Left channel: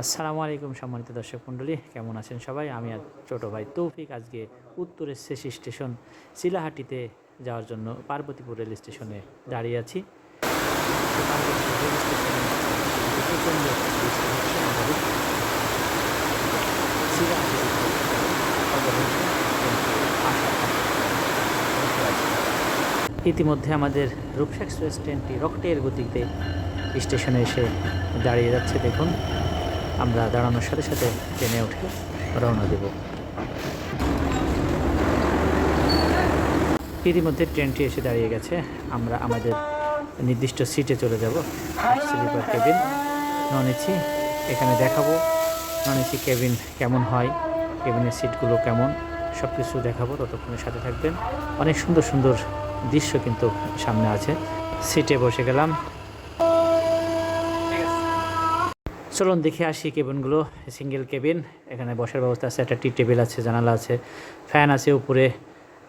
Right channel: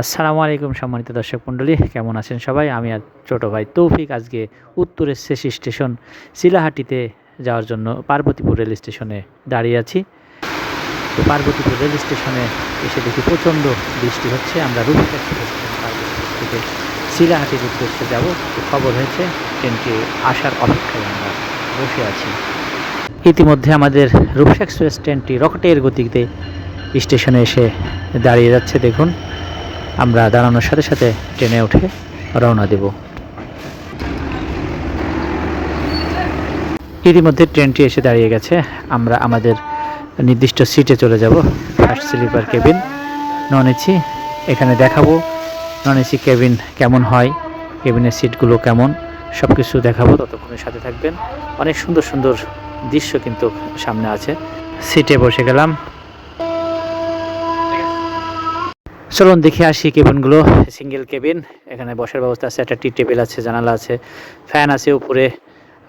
আসসালামু আলাইকুম সম্মানিত দর্শক মণ্ডলী, কেমন আছেন সবাই? আমি আর ছোটো ভাই তৌফিক আজকে উত্তরের শেষ স্টেশন শিলাহাটিতে যাওয়ার জন্য পার্বতীপুর রেল স্টেশনে দাঁড়িয়ে আছি। পার্বতীপুর রেল স্টেশনে এসে দেখি প্রচণ্ড বৃষ্টি হচ্ছে। আমরা থেকে শিলাহাটির উদ্দেশ্যে যাব। খবর হয়েছে, ট্রেনটি আসার অপেক্ষায় আমরা বসে আছি। ইতিমধ্যে আমাদের রূপসা এক্সপ্রেস ট্রেনটি রকেটের গতিতে স্টেশনে এসে দাঁড়িয়ে যাচ্ছে। দেখুন আমরা দাঁড়ানোর সাথে সাথে ট্রেনে উঠে রওনা দেব। ইতিমধ্যে ট্রেনটি এসে দাঁড়িয়ে গেছে। আমরা আমাদের নির্দিষ্ট সিটে চলে যাব। First sleeper cabin. Non AC এখানে দেখাবো। নন এসি কেবিন কেমন হয়? কেবিনের সিটগুলো কেমন? সব কিছু দেখাবো। ততক্ষণের সাথে থাকবেন। অনেক সুন্দর সুন্দর দৃশ্য কিন্তু সামনে আছে। সিটে বসে গেলাম। চলুন দেখে আসি কেবিনগুলো সিঙ্গেল কেবিন এখানে বসার ব্যবস্থা আছে, একটা টি টেবিল আছে, জানালা আছে, ফ্যান আছে উপরে,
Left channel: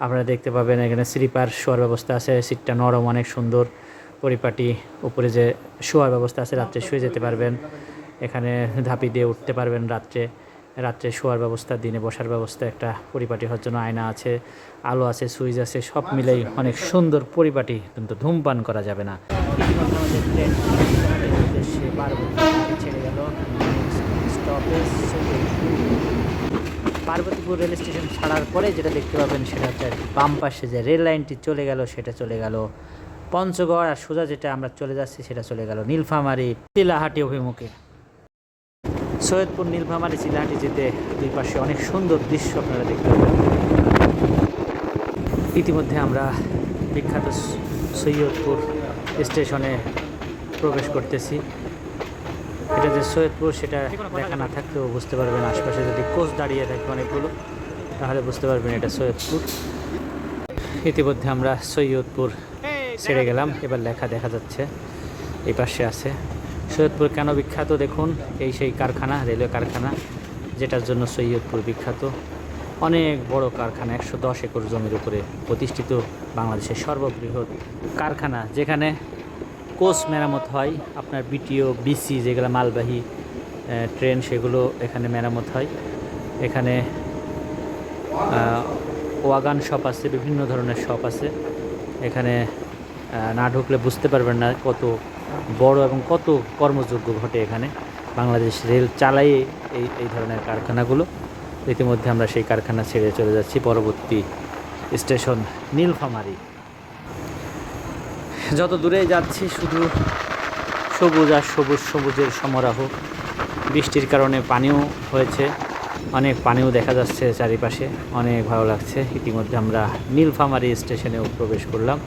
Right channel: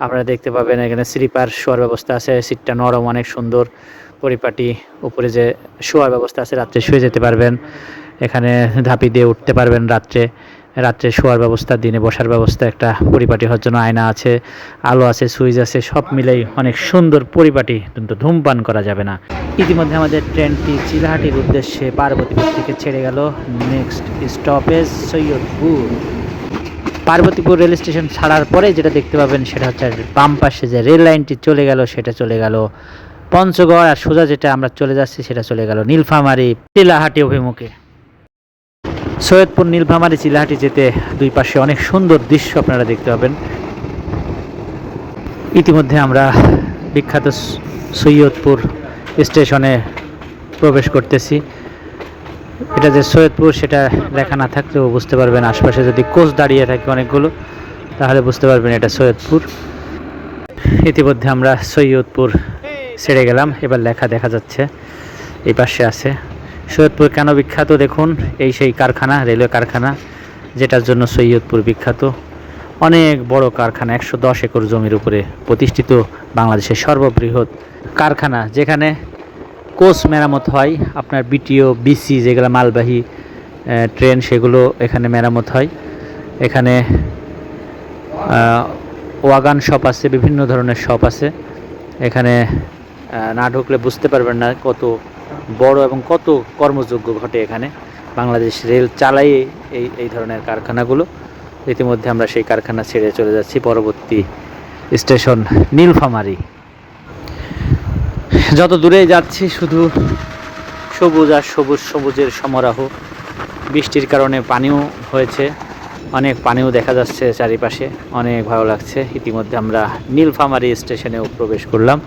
আপনারা দেখতে পাবেন এখানে স্লিপার শোয়ার ব্যবস্থা আছে, সিটটা নরম, অনেক সুন্দর, পরিপাটি, উপরে যে শোয়ার ব্যবস্থা আছে, রাত্রে শুয়ে যেতে পারবেন, এখানে ধাপি দিয়ে উঠতে পারবেন রাত্রে। রাত্রে শোয়ার ব্যবস্থা, দিনে বসার ব্যবস্থা, একটা পরিপাটি হওয়ার জন্য আয়না আছে, আলো আছে, সুইচ আছে, সব মিলেই অনেক সুন্দর পরিপাটি কিন্তু ধূমপান করা যাবে না। ইতিমধ্যে আমাদের ট্রেনটি চিলাহাটির উদ্দেশ্যে পার্বতীপুর থেকে ছেড়ে গেল। Next stoppage Saidpur. Parbatipur rail station ছাড়ার পরে যেটা দেখতে পাবেন সেটা হচ্ছে বাম পাশে যে রেল লাইনটি চলে গেল, সেটা চলে গেল পঞ্চগড়। আর সোজা যেটা আমরা চলে যাচ্ছি সেটা চলে গেল নীলফামারী। চিলাহাটি অভিমুখে। সৈয়দপুর, নীলফামারী চিলাহাটি যেতে দুই পাশে অনেক সুন্দর দৃশ্য আপনারা দেখতে পাবেন। ইতিমধ্যে আমরা বিখ্যাত সৈয়দপুর স্টেশনে প্রবেশ করতেছি। এটা যে সৈয়দপুর, সেটা লেখা না থাকলেও বুঝতে পারবেন আশপাশে যদি কোচ দাঁড়িয়ে থাকে অনেকগুলো, তাহলে বুঝতে পারবেন এটা সৈয়দপুর। ইতিমধ্যে আমরা সৈয়দপুর ছেড়ে গেলাম, এবার লেখা দেখা যাচ্ছে, এই পাশে আছে। সৈয়দপুর কেন বিখ্যাত? দেখুন, এই সেই কারখানা, রেলওয়ে কারখানা, যেটার জন্য সৈয়দপুর বিখ্যাত। অনেক বড় কারখানা, একশো দশ একর জমির উপরে প্রতিষ্ঠিত বাংলাদেশের সর্ববৃহৎ কারখানা, যেখানে কোচ মেরামত হয়। আপনার বিটিও, বিসি যেগুলো মালবাহী ট্রেন, সেগুলো এখানে মেরামত হয়। এখানে ওয়াগান শপ আছে, বিভিন্ন ধরনের শপ আছে। এখানে না ঢুকলে বুঝতে পারবেন না কত বড় এবং কত কর্মযোগ্য ঘটে এখানে। বাংলাদেশ রেল চালাই এই এই ধরনের কারখানাগুলো। ইতিমধ্যে আমরা সেই কারখানা ছেড়ে চলে যাচ্ছি পরবর্তী স্টেশন নীলফামারী। যত দূরে যাচ্ছি শুধু সবুজ আর সবুজ সবুজের সমারোহ। বৃষ্টির কারণে পানিও হয়েছে। অনেক পানিও দেখা যাচ্ছে চারিপাশে। অনেক ভালো লাগছে। ইতিমধ্যে আমরা নীলফামারী স্টেশনেও প্রবেশ করলাম।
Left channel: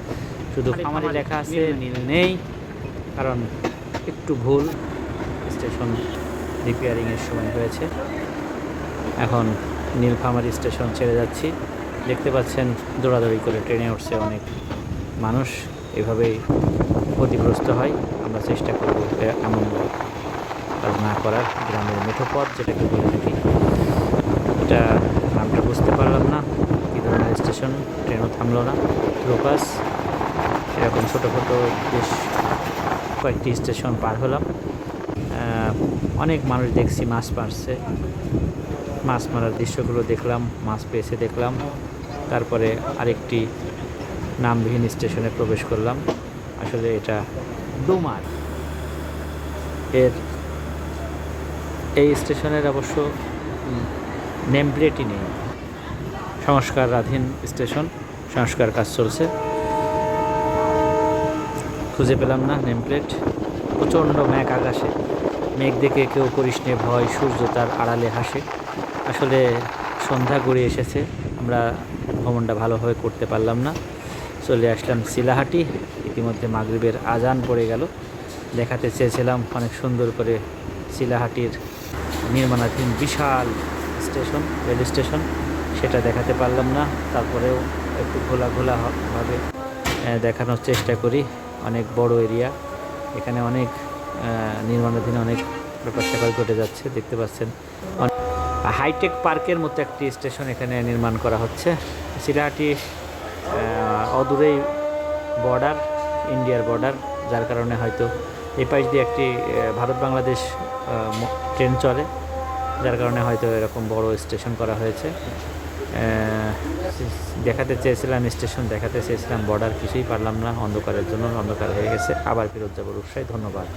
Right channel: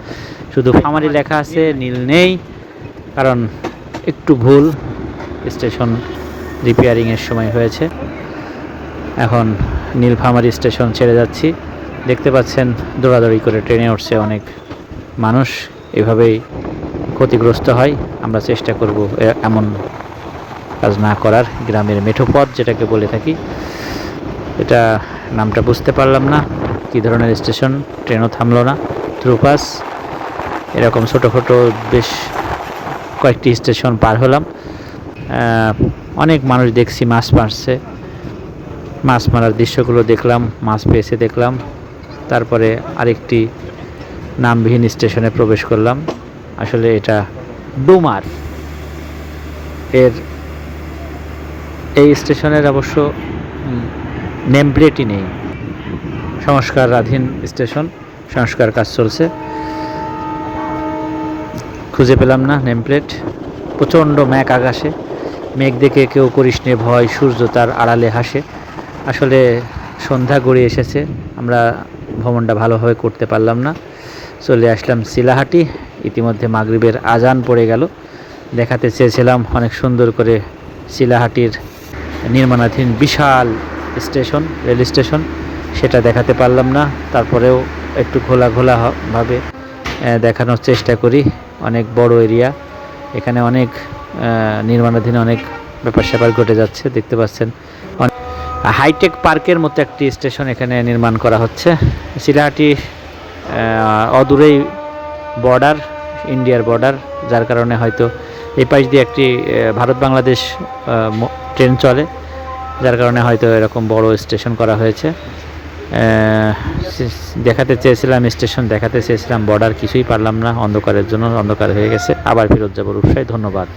শুধু ফামারি লেখা আছে, নীল নেই। কারণ একটু ভুল স্টেশন রিপেয়ারিংয়ের সময় হয়েছে। এখন নীলফামারী স্টেশন ছেড়ে যাচ্ছি। দেখতে পাচ্ছেন দৌড়াদৌড়ি করে ট্রেনে উঠছে অনেক মানুষ। এভাবেই ক্ষতিগ্রস্ত হয়। আমরা চেষ্টা করব এমন কাজ না করার। গ্রামের মেঠো পথ যেটাকে বলে থাকি। এটা নামটা বুঝতে পারলাম না। কী ধরনের স্টেশন? ট্রেনও থামলো না। থ্রুপাস এরকম ছোটো ছোটো বেশ কয়েকটি স্টেশন পার হলাম। অনেক মানুষ দেখছি মাছ মারছে। মাছ মারার দৃশ্যগুলো দেখলাম, মাছ পেয়েছে দেখলাম। তারপরে আরেকটি নামবিহীন স্টেশনে প্রবেশ করলাম। আসলে এটা ডুমার। এর এই স্টেশনের অবশ্য নেম প্লেটই নেই। সংস্কারাধীন স্টেশন, সংস্কার কাজ চলছে। খুঁজে পেলাম না নেম প্লেট প্রচণ্ড ম্যাক আকাশে। মেঘ দেখে কেউ করিস নে ভয় সূর্য তার আড়ালে হাসে। আসলে সন্ধ্যা গড়িয়ে এসেছে আমরা ভ্রমণটা ভালোভাবে করতে পারলাম না। চলে আসলাম শিলাহাটি ইতিমধ্যে মাগরিবের আজান পড়ে গেল। দেখাতে চেয়েছিলাম অনেক সুন্দর করে শিলাহাটির নির্মাণাধীন বিশাল স্টেশন রেল স্টেশন। সেটা দেখাতে পারলাম না তারপরেও একটু ঘোলা ঘোলা হ- ভাবে আহ, দেখানোর চেষ্টা করি। অনেক বড় এরিয়া। এখানে অনেক নির্মাণাধীন অনেক ব্যাপার স্যাপার ঘটে যাচ্ছে, দেখতে পাচ্ছেন। হাইটেক পার্কের মতো একটি স্টেশন এখানে নির্মাণ করা হচ্ছে। শিলাহাটি অদূরেই বর্ডার, ইন্ডিয়ার বর্ডার, যার কারণে হয়তো এই পাশ দিয়ে একটি ভারত বাংলাদেশ ট্রেন চলে, যার কারণে হয়তো এরকম বড় স্টেশন করা হয়েছে। দেখাতে চেয়েছিলাম, স্টেশন দেখাতে চেয়েছিলাম বর্ডার কিছুই পারলাম না, অন্ধকারের জন্য অন্ধকার হয়ে গেছে। আবার ফেরত যাব রূপসাই ধন্যবাদ।